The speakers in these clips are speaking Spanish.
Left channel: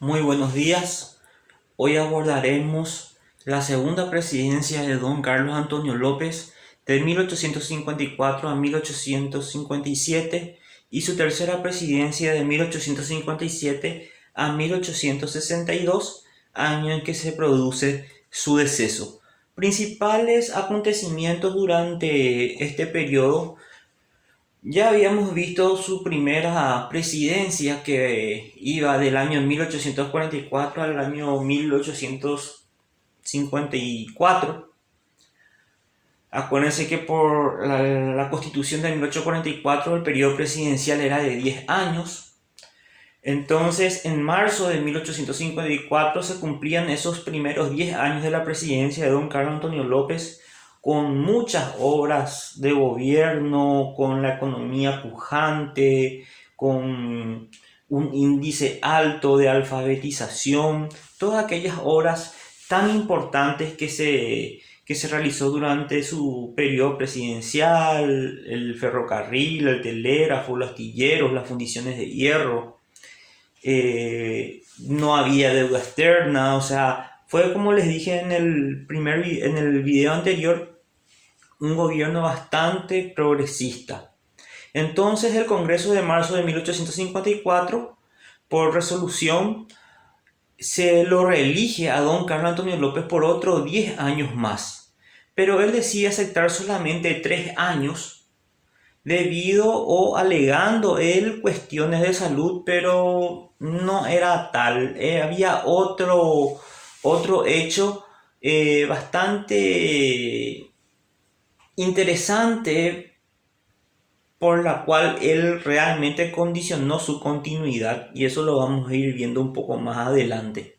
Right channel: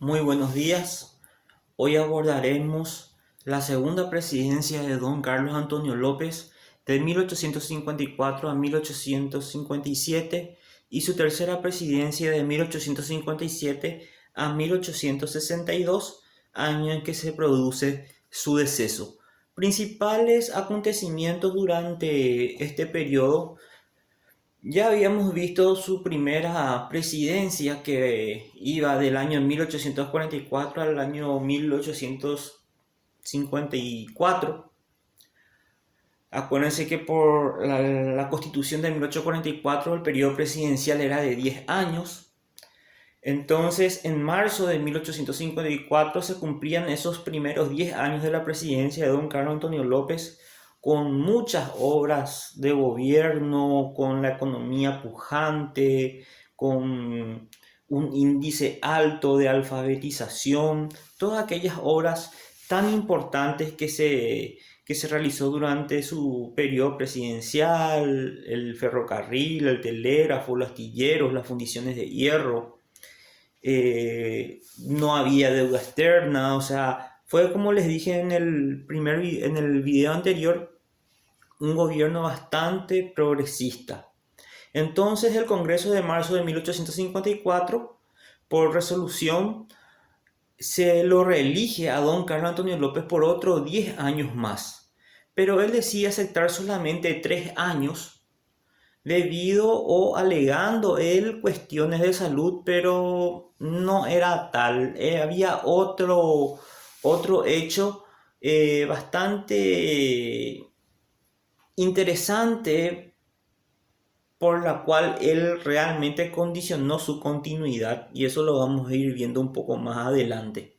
Muy buenos días. Hoy abordaremos la segunda presidencia de don Carlos Antonio López de 1854 a 1857 y su tercera presidencia de 1857 a 1862, año en que se produce su deceso. Principales acontecimientos durante este periodo. Ya habíamos visto su primera presidencia que iba del año 1844 al año 1854. Acuérdense que por la constitución de 1844 el periodo presidencial era de 10 años. Entonces, en marzo de 1854 se cumplían esos primeros 10 años de la presidencia de don Carlos Antonio López, con muchas obras de gobierno, con la economía pujante, con un índice alto de alfabetización, todas aquellas obras tan importantes que se realizó durante su periodo presidencial: el ferrocarril, el telégrafo, los astilleros, las fundiciones de hierro. No había deuda externa, o sea, fue como les dije en el video anterior, un gobierno bastante progresista. Entonces el Congreso de marzo de 1854, por resolución, se lo reelige a don Carlos Antonio López por otros 10 años más. Pero él decide aceptar solamente 3 años debido o alegando él cuestiones de salud, pero no era tal. Había otro hecho bastante interesante por la cual él realmente condicionó su continuidad, y eso lo vamos a ir viendo un poco más adelante.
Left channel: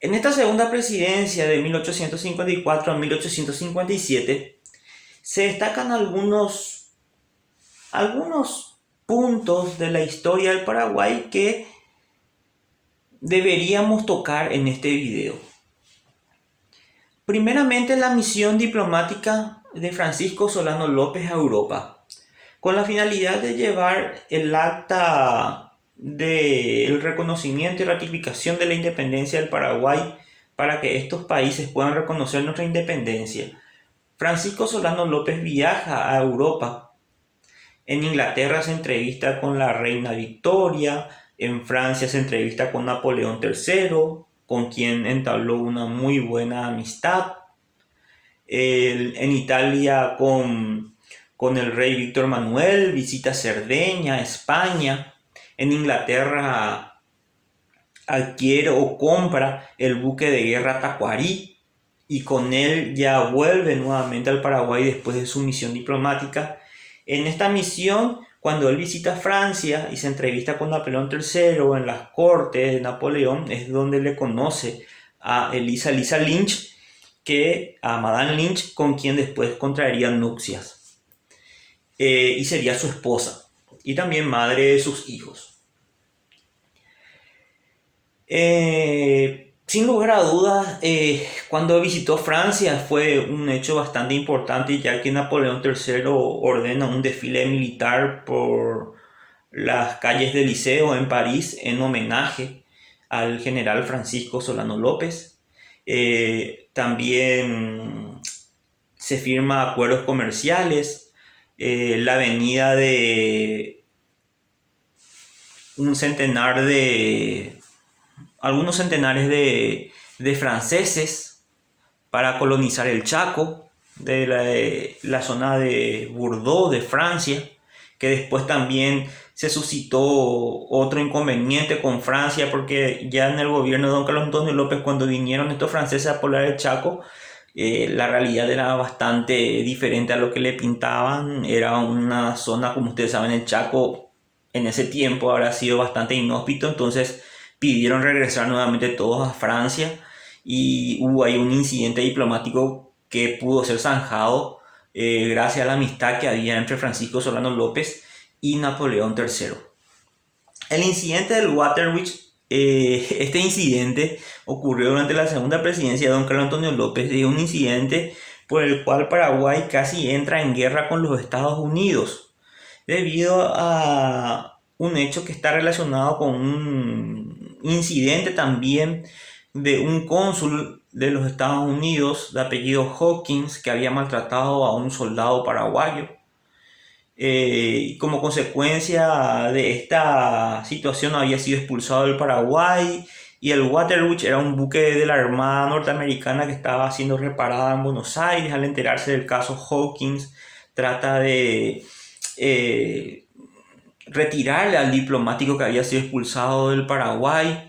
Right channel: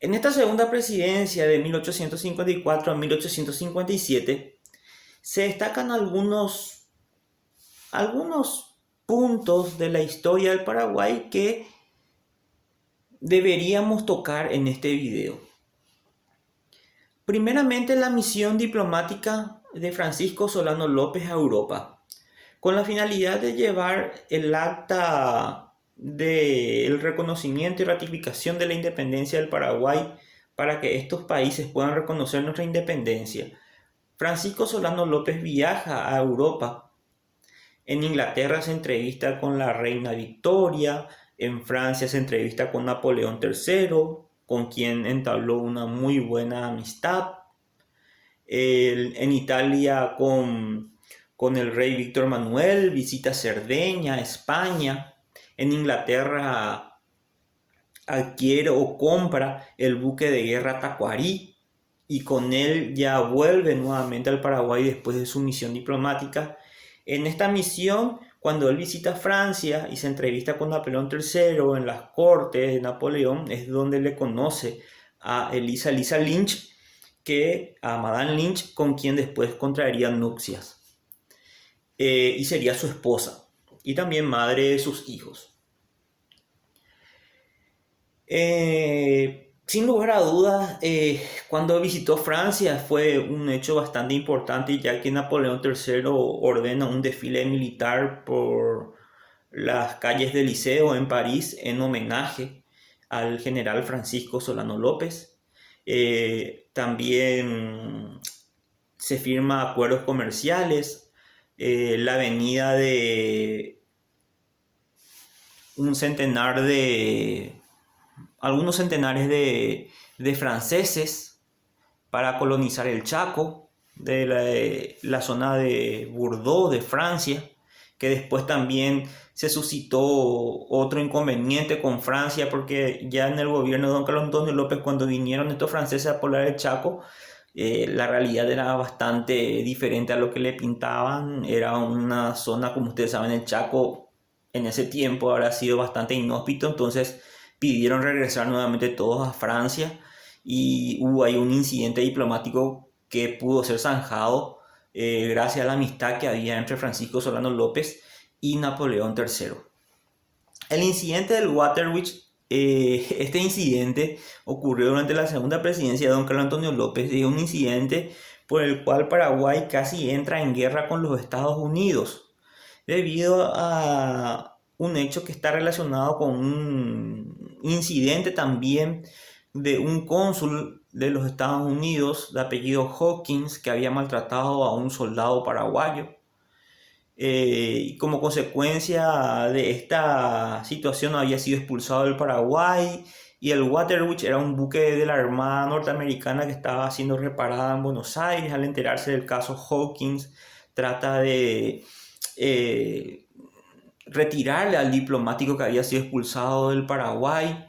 En esta segunda presidencia de 1854 a 1857 se destacan algunos puntos de la historia del Paraguay que deberíamos tocar en este video. Primeramente, la misión diplomática de Francisco Solano López a Europa, con la finalidad de llevar el acta del reconocimiento y ratificación de la independencia del Paraguay para que estos países puedan reconocer nuestra independencia. Francisco Solano López viaja a Europa. En Inglaterra se entrevista con la reina Victoria, en Francia se entrevista con Napoleón III, con quien entabló una muy buena amistad. En Italia con el rey Víctor Manuel, visita Cerdeña, España. En Inglaterra adquiere o compra el buque de guerra Tacuarí y con él ya vuelve nuevamente al Paraguay después de su misión diplomática. En esta misión, cuando él visita Francia y se entrevista con Napoleón III en las cortes de Napoleón, es donde le conoce a Lisa Lynch, a Madame Lynch, con quien después contraería nupcias. Y sería su esposa y también madre de sus hijos. Sin lugar a dudas, cuando visitó Francia fue un hecho bastante importante, ya que Napoleón III ordena un desfile militar por las calles del Liceo en París en homenaje al general Francisco Solano López. También se firman acuerdos comerciales. La venida de un centenar de algunos centenares de franceses para colonizar el Chaco, de la zona de Bordeaux, de Francia, que después también se suscitó otro inconveniente con Francia, porque ya en el gobierno de don Carlos Antonio López, cuando vinieron estos franceses a poblar el Chaco, la realidad era bastante diferente a lo que le pintaban. Era una zona, como ustedes saben, el Chaco en ese tiempo habrá sido bastante inhóspito, entonces pidieron regresar nuevamente todos a Francia y hubo ahí un incidente diplomático que pudo ser zanjado gracias a la amistad que había entre Francisco Solano López y Napoleón III. El incidente del Waterwich, este incidente ocurrió durante la segunda presidencia de don Carlos Antonio López. Es un incidente por el cual Paraguay casi entra en guerra con los Estados Unidos debido a un hecho que está relacionado con incidente también de un cónsul de los Estados Unidos de apellido Hawkins que había maltratado a un soldado paraguayo. Y como consecuencia de esta situación había sido expulsado del Paraguay, y el Waterwitch era un buque de la Armada norteamericana que estaba siendo reparada en Buenos Aires. Al enterarse del caso Hawkins, trata de eh, retirarle al diplomático que había sido expulsado del Paraguay.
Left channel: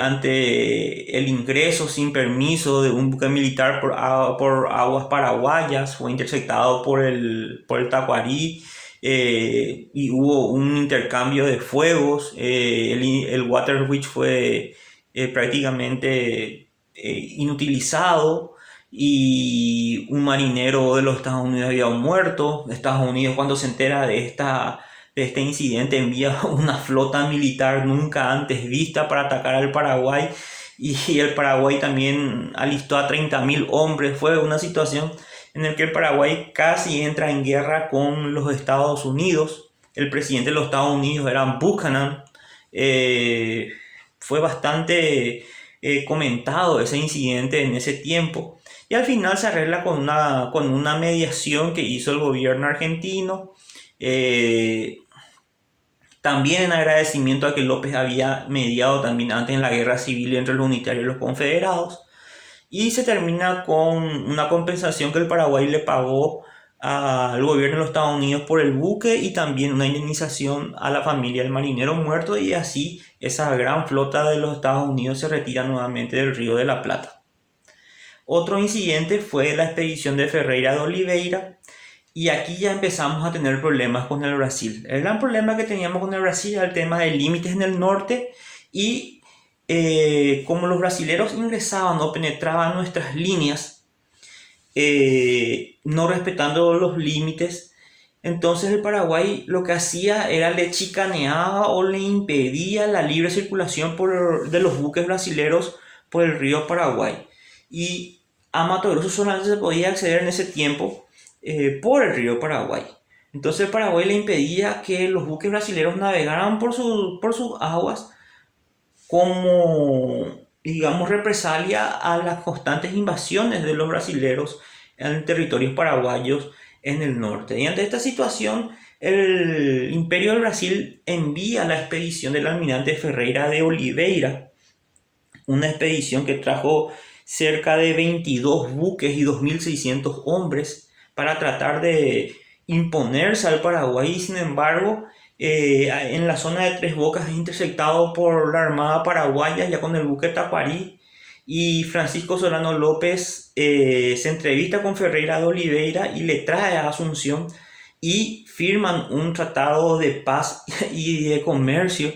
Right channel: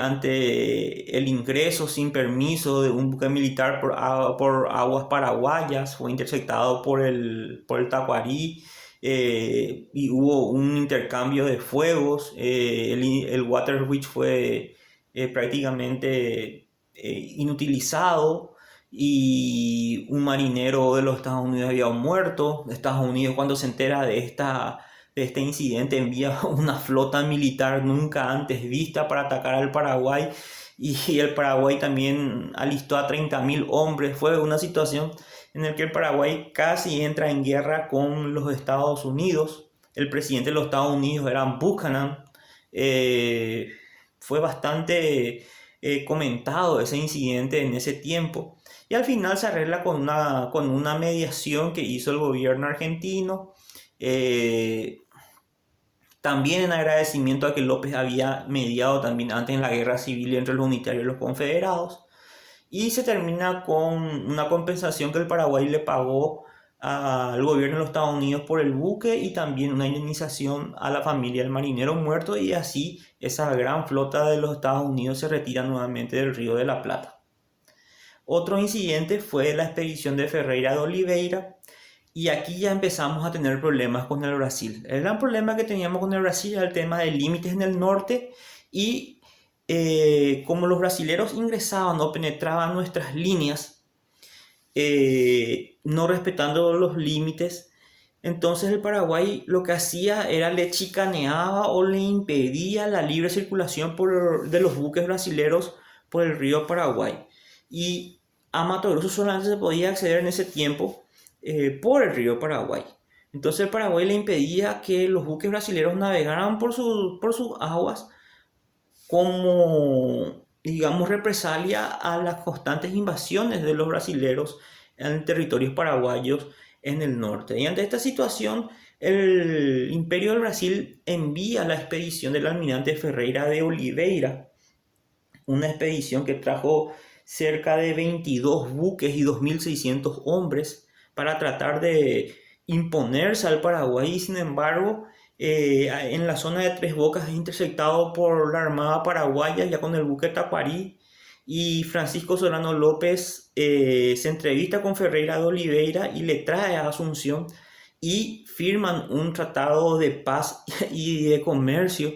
Ante el ingreso sin permiso de un buque militar por aguas paraguayas, fue interceptado por el Tacuarí, y hubo un intercambio de fuegos. El Waterwitch fue prácticamente inutilizado, y un marinero de los Estados Unidos había muerto. Estados Unidos, cuando se entera de este incidente, envía una flota militar nunca antes vista para atacar al Paraguay, y el Paraguay también alistó a 30.000 hombres. Fue una situación en la que el Paraguay casi entra en guerra con los Estados Unidos. El presidente de los Estados Unidos era Buchanan. Eh, Fue bastante comentado ese incidente en ese tiempo, y al final se arregla con una mediación que hizo el gobierno argentino. Eh, También en agradecimiento a que López había mediado también antes en la guerra civil entre los unitarios y los confederados. Y se termina con una compensación que el Paraguay le pagó al gobierno de los Estados Unidos por el buque, y también una indemnización a la familia del marinero muerto, y así esa gran flota de los Estados Unidos se retira nuevamente del Río de la Plata. Otro incidente fue la expedición de Ferreira de Oliveira, y aquí ya empezamos a tener problemas con el Brasil. El gran problema que teníamos con el Brasil era el tema de límites en el norte, y como los brasileros ingresaban o penetraban nuestras líneas, no respetando los límites, entonces el Paraguay lo que hacía era le chicaneaba o le impedía la libre circulación de los buques brasileros por el río Paraguay. Y a Mato Grosso solamente se podía acceder en ese tiempo por el río Paraguay. Entonces el Paraguay le impedía que los buques brasileños navegaran por sus aguas, como, digamos, represalia a las constantes invasiones de los brasileros en territorios paraguayos en el norte. Y ante esta situación, el Imperio del Brasil envía la expedición del almirante Ferreira de Oliveira, una expedición que trajo cerca de 22 buques y 2.600 hombres para tratar de imponerse al Paraguay. Y sin embargo, en la zona de Tres Bocas es interceptado por la Armada Paraguaya ya con el buque Tacuarí, y Francisco Solano López se entrevista con Ferreira de Oliveira y le trae a Asunción, y firman un tratado de paz y de comercio.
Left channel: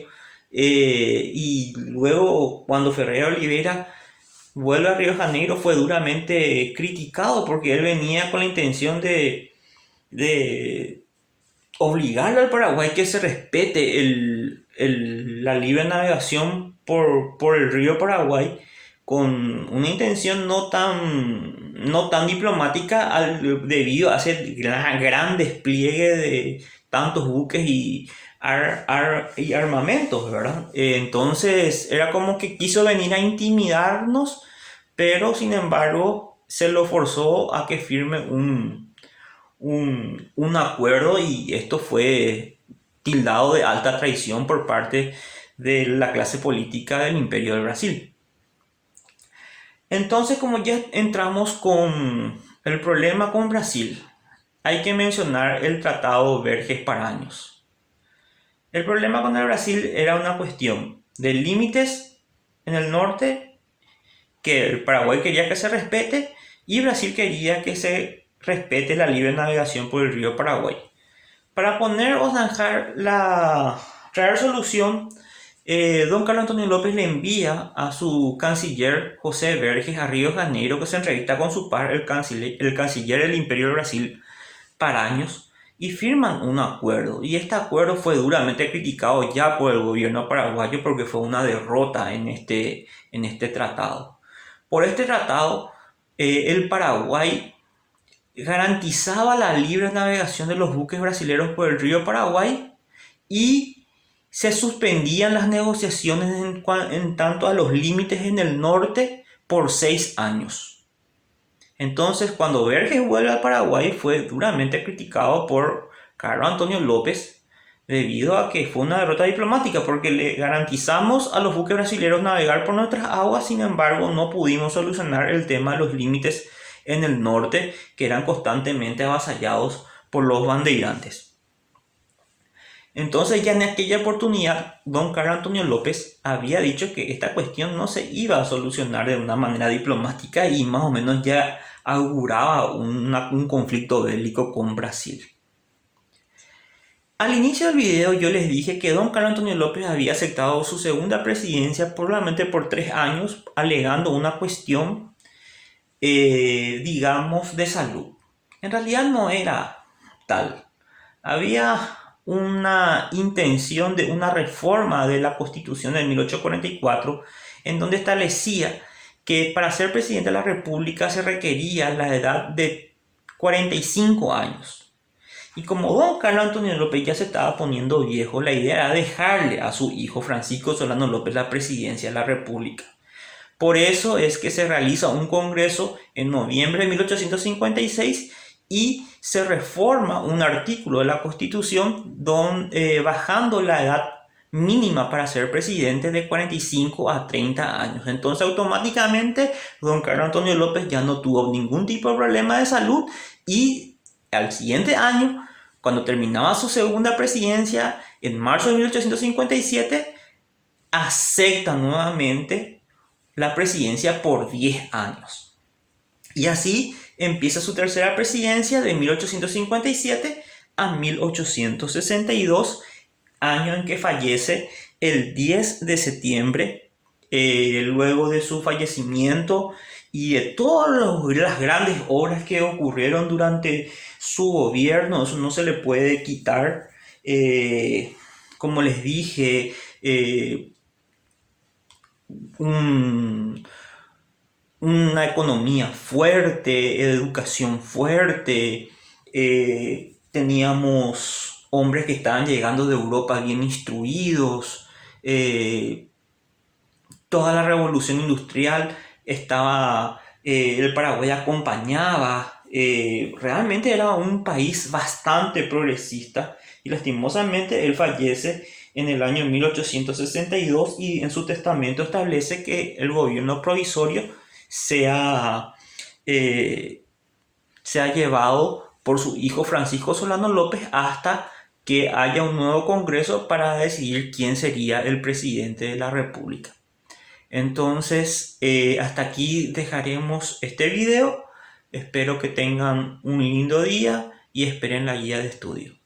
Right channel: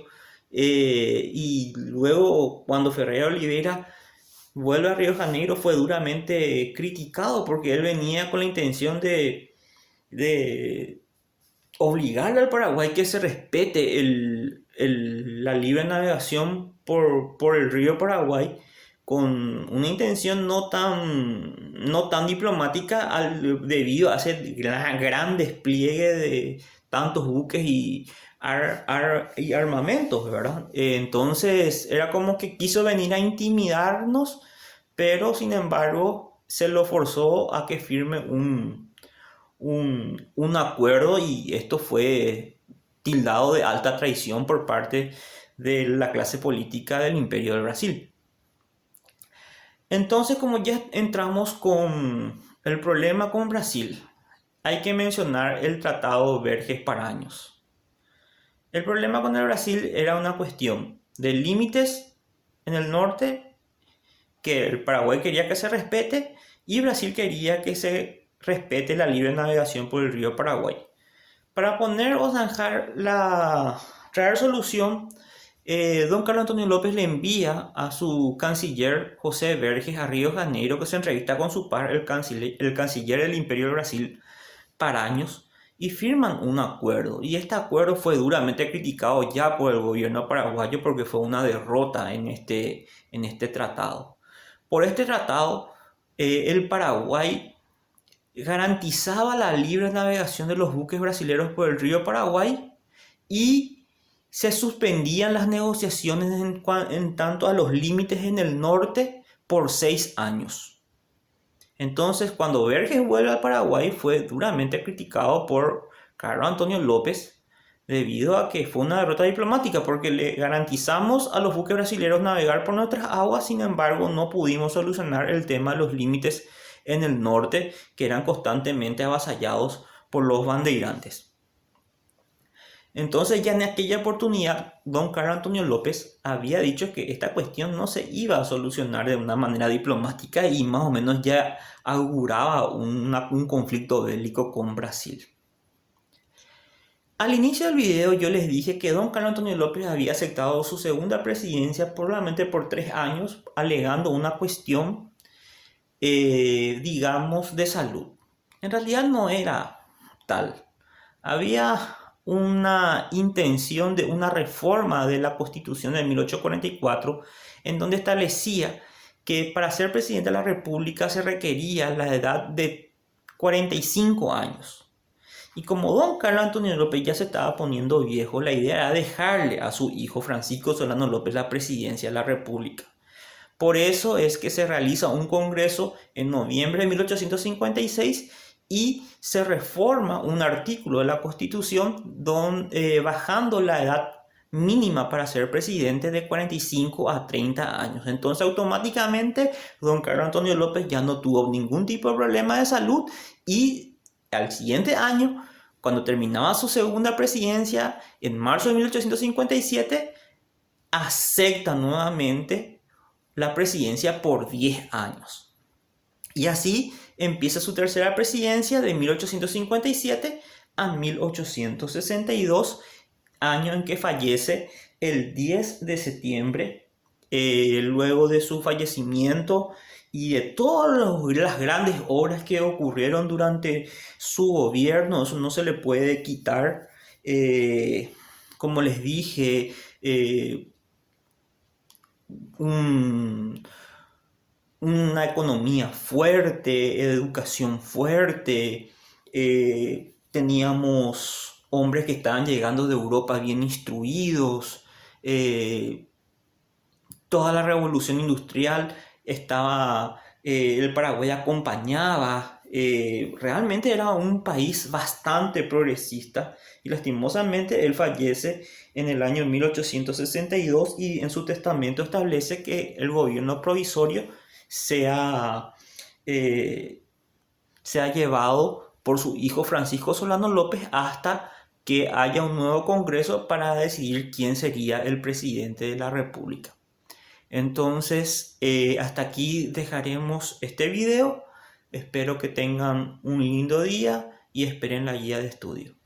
Y luego, cuando Ferreira de Oliveira vuelve a Río de Janeiro, fue duramente criticado porque él venía con la intención de obligar al Paraguay que se respete la libre navegación por el río Paraguay, con una intención no tan diplomática, debido a ese gran despliegue de tantos buques y armamentos, ¿verdad? Entonces era como que quiso venir a intimidarnos, pero sin embargo se lo forzó a que firme un acuerdo, y esto fue tildado de alta traición por parte de la clase política del Imperio del Brasil. Entonces, como ya entramos con el problema con Brasil, hay que mencionar el Tratado Verges-Paraños. El problema con el Brasil era una cuestión de límites en el norte, que el Paraguay quería que se respete, y Brasil quería que se respete la libre navegación por el río Paraguay. Para poner o zanjar traer solución, don Carlos Antonio López le envía a su canciller José Verges a Río de Janeiro, que se entrevista con su par, el canciller del Imperio del Brasil, Paraños, y firman un acuerdo. Y este acuerdo fue duramente criticado ya por el gobierno paraguayo, porque fue una derrota en este tratado. Por este tratado, el Paraguay garantizaba la libre navegación de los buques brasileños por el río Paraguay, y se suspendían las negociaciones en tanto a los límites en el norte por 6 años. Entonces, cuando Verges vuelve al Paraguay, fue duramente criticado por Carlos Antonio López debido a que fue una derrota diplomática, porque le garantizamos a los buques brasileños navegar por nuestras aguas. Sin embargo, no pudimos solucionar el tema de los límites en el norte, que eran constantemente avasallados por los bandeirantes. Entonces, ya en aquella oportunidad, don Carlos Antonio López había dicho que esta cuestión no se iba a solucionar de una manera diplomática y más o menos ya auguraba un conflicto bélico con Brasil. Al inicio del video yo les dije que don Carlos Antonio López había aceptado su segunda presidencia probablemente por 3 años, alegando una cuestión, digamos, de salud. En realidad no era tal. Había una intención de una reforma de la Constitución de 1844, en donde establecía que para ser presidente de la República se requería la edad de 45 años. Y como don Carlos Antonio López ya se estaba poniendo viejo, la idea era dejarle a su hijo Francisco Solano López la presidencia de la República. Por eso es que se realiza un congreso en noviembre de 1856 y se reforma un artículo de la Constitución bajando la edad mínima para ser presidente de 45 a 30 años. Entonces automáticamente don Carlos Antonio López ya no tuvo ningún tipo de problema de salud y al siguiente año, cuando terminaba su segunda presidencia, en marzo de 1857, acepta nuevamente la presidencia por 10 años. Y así empieza su tercera presidencia de 1857 a 1862, año en que fallece el 10 de septiembre. Luego de su fallecimiento y de todas las grandes obras que ocurrieron durante su gobierno, eso no se le puede quitar. Como les dije, una economía fuerte, educación fuerte, teníamos hombres que estaban llegando de Europa bien instruidos, toda la revolución industrial estaba, el Paraguay acompañaba, realmente era un país bastante progresista y lastimosamente él fallece en el año 1862 y en su testamento establece que el gobierno provisorio sea, sea llevado por su hijo Francisco Solano López hasta que haya un nuevo congreso para decidir quién sería el presidente de la República. Entonces, hasta aquí dejaremos este video. Espero que tengan un lindo día y esperen la guía de estudio.